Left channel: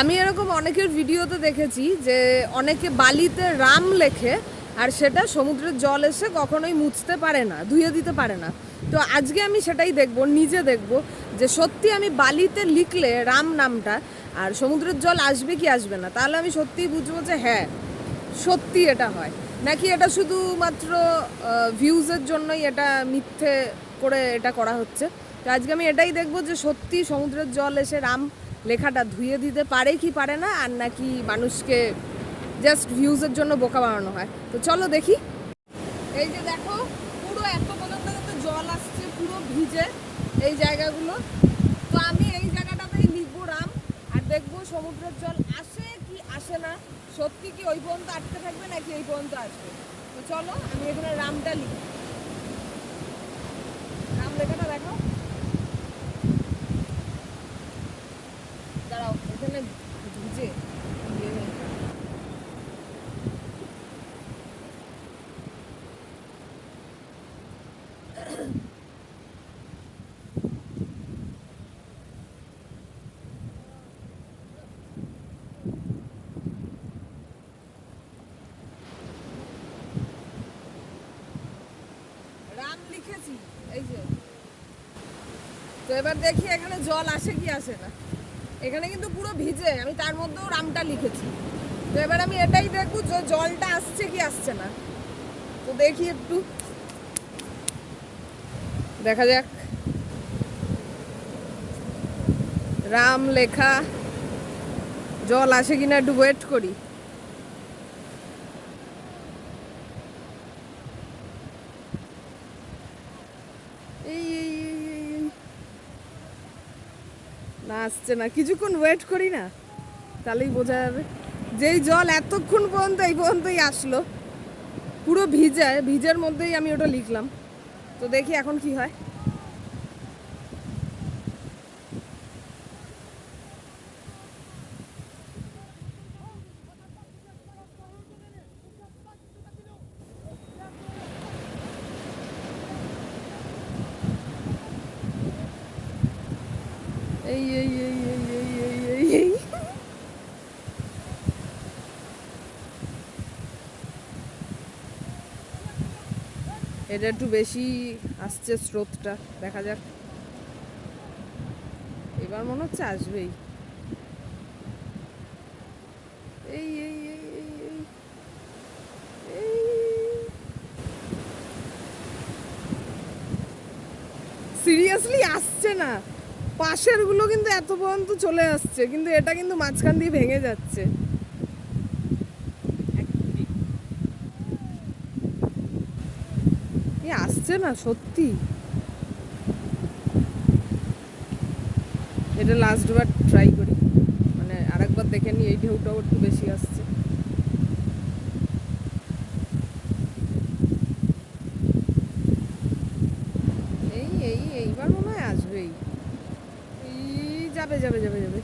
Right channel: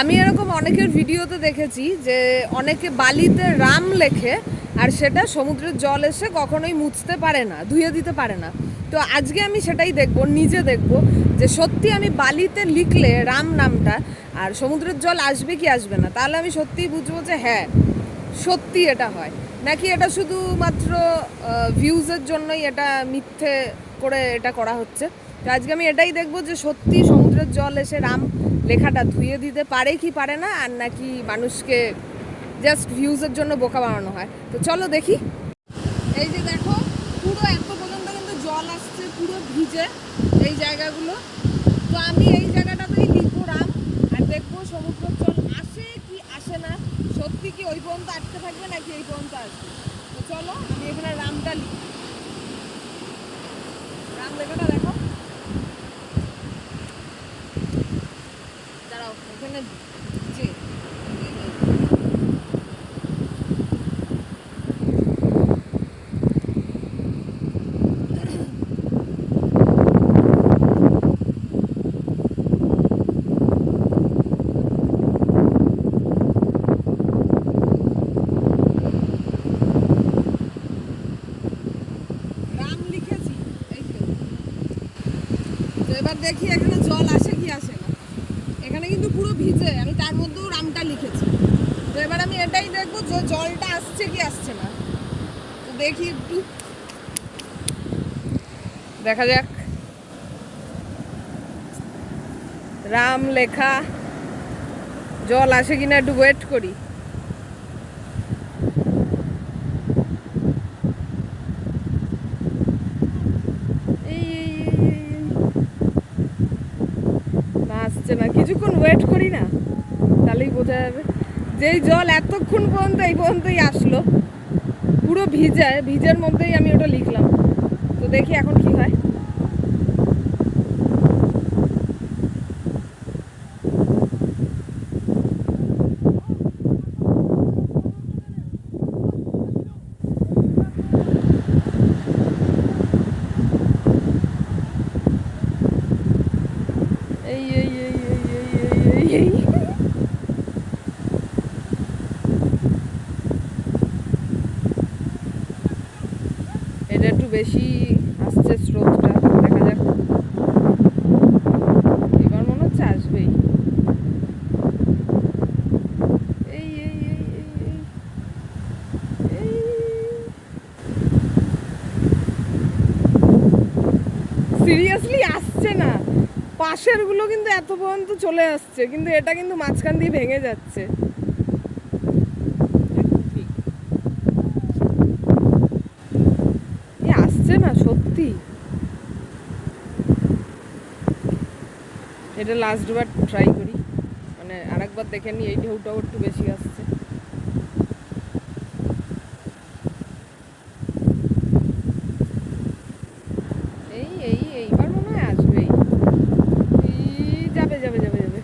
আমি এরকম অনেকের ভিডিওতে দেখেছি যে অনেকে বালিতে রাম লেখে আর সেটা সমুদ্রের জল এসে কখনোই মুছতে পারে না, ধুয়ে দিতে পারে না। তো আজকে আমি সেটাই দেখব, নিজে দেখব যে সত্যি আমি বালিতে লিখলে রাম নামটা আর সমুদ্রের জল আসবে কি আসবে না, তাহলে আমি সত্যিই বুঝব যে হ্যাঁ সত্যি এটা হয়। নাকি এটা শুধুমাত্র ভিউজের জন্যই এটা মিথ্যে করে এটা করা হচ্ছে? তো আজকে আমি এটাই দেখব যে সত্যি সমুদ্রের জল এসে রাম লেখাটা ধুয়ে দিতে পারে কি পারে না, আর নাকি মানুষকে জাস্ট ভিউজের জন্য বোকা বানানো হয়। তো চলো দেখি। এই যে দেখো, পুরো এত পর্যন্ত জল আসছে, পুরো ভিজে এই জায়গাগুলো। তো আমি এই জায়গাটাতেই রাম, আর দেখব সমুদ্রের জল আসে কি আসে না। সত্যি কি ওই পর্যন্ত আটকে থাকবে নাকি এই পর্যন্ত আসবে? চলো, আমি এখানে রামটা লিখি রাম লেখাটা দেখো দাঁড়াও এখানে ভিজে রাম লিখেছি এই যে তো এবার দেখি এখানে জল আসে কি আসে না। এখানে কিন্তু পুরো ভিজে, আমি তার মধ্যেও রামটা লিখেছি। তো এবার আমি এটাই দেখব যে জলটা আসছে কি আসছে না। তো দেখি একটু। দেখা যাক। রাম লেখা, জল আসে কিনা একটু ওয়েট করি এই এই এই এই এই না আসছে না। কিছুক্ষণ ওয়েট করি না, তাহলেই বোঝা যাবে। যেই জল এতক্ষণ পর্যন্ত, এই পর্যন্তই আসলো। পুরো ভিজায়, ভিজের মধ্যেই আমি ওটা লিখলাম। তো দেখি এখন কি হয়। এই এই এই এই এই এই এই এটা একটু বেশি আসছে স্রোতটা, দেখা যাক। এবার মনে হচ্ছে আসবেই। এই এই এই এই এই সিরিয়াসলি আসছে না। পাশেরগুলো কিন্তু এত পর্যন্ত চলে আসছে, কিন্তু এটা কিন্তু মাঝখান দিয়ে ভেঙে যাচ্ছে। আসছে না, সত্যি। এটা লাস্ট বার ট্রাই করি। মানে আরেকবার দেখে নি, এই ঢেউটাও একটু বেশি আসছে এই এই এইবার মনে হয় আসবেই এই যাবে যাবে যাবে যাবে।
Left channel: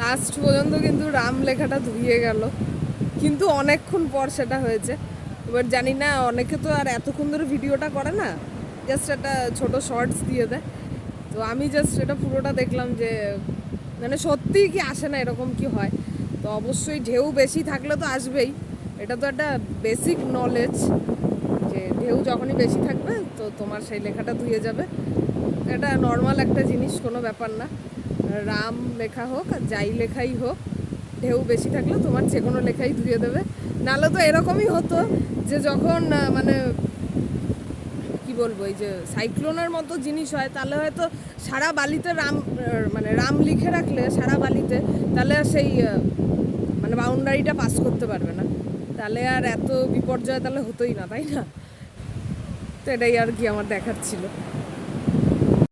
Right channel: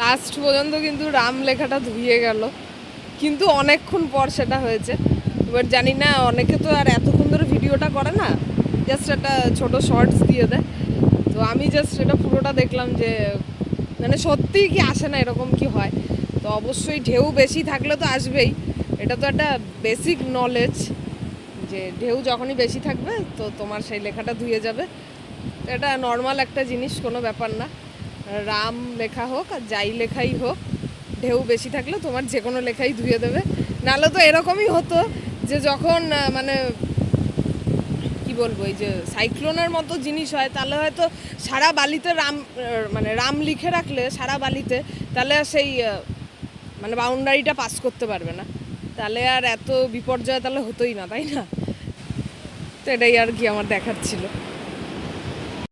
লাস্ট পর্যন্ত কিন্তু রাম লেখাটা ধুয়ে গেল। কিন্তু অনেকক্ষণ পর সেটা হয়েছে। এবার জানি না, অনেকে তো আর এতক্ষণ ধরে ভিডিওটা করে না জাস্ট একটা ছোট শর্টস দিয়ে দেয়। তো আমি জাস্ট এটা পুরোটা দেখলাম যে মানে সত্যিই কি আসে না এরকম কি হয়? তো অবশ্যই ঢেউ বেশি থাকলে তো আসবেই। এটা তো একটা বেসিক নলেজ যে ঢেউ যখনই বেশি থাকবে, তো তোমার সেই লেখাটা ধুয়ে যাবে। এটা নর্মাল একটা জিনিস, কোনো ব্যাপার না। রাম লেখা হোক আর যাই লেখাই হোক, ঢেউ বেশি থাকলে তোমার যে কোনো লেখাই ধুয়ে দেবে। নাহলে তো এরকমই হতো যে যখন মানে কি বলব, এই যে সাইক্লোনের মতো জিনিস হয়, তাহলে হয়তো সারা বালিতে রাম মানে রাম লিখে রাখলে, সারা বালিতে, তাহলে সেই মানে বাউন্ডারিটা পাস করতে পারবে না। তাহলে আর এত বিপর্যয় তাহলে হতোই না, তাই না? তো এটাই আর কি আমার দেখার ছিল।